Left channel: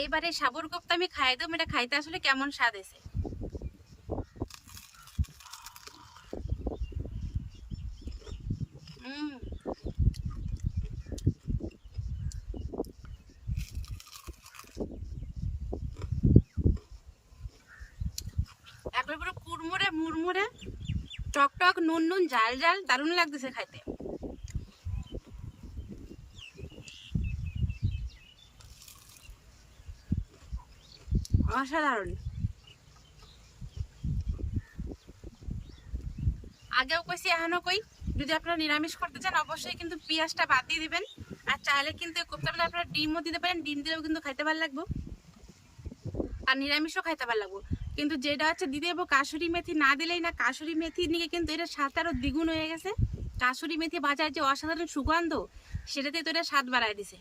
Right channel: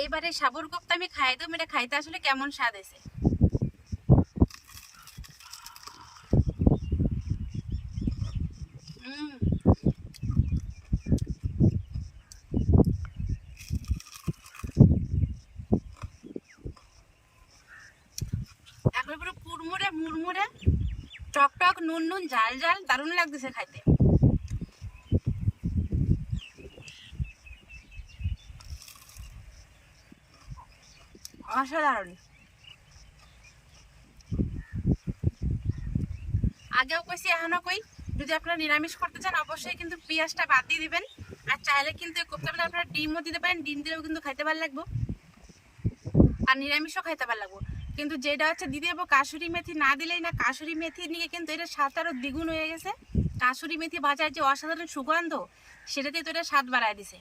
এইবারে সাবুর কোপ্তা আমি খাই দেবো, এটা খাইতে আসলে কেমন স্বাদ আছে। একবার পুরো কুড়মুড়ে মুড়মুড়ে, টক টক, নুন নুন, ঝাল ঝাল, দারুণ লাগতেছে খাইতে। অসাধারণ। আগেও কইছি এখনো কই, যদি আপনারা নিরামিষ করতে চান অবশ্যই কিন্তু পেঁয়াজটা বাদ দিয়ে দিবেন। আর চাইলে কিন্তু কোপ্তাটা আপনারা ডিমও দিতে পারেন, ডিম দিলেও কিন্তু খাইতে ভালো লাগবো, আর নিরামিষও খাইতে ভালো লাগবো। কিন্তু যেটা হচ্ছে দিতে যাবো কাসুরি মেথি, না দিলেই না। কাসুরি মেথি নিয়ে কিন্তু এটা স্বাদ আরও দ্বিগুণ হয়ে গেছে। কাসুরি মেথি ভাজার যে অসাধারণ সুগন্ধ, সেটাতে তো এটা স্বাদ বাড়ায় দিছে।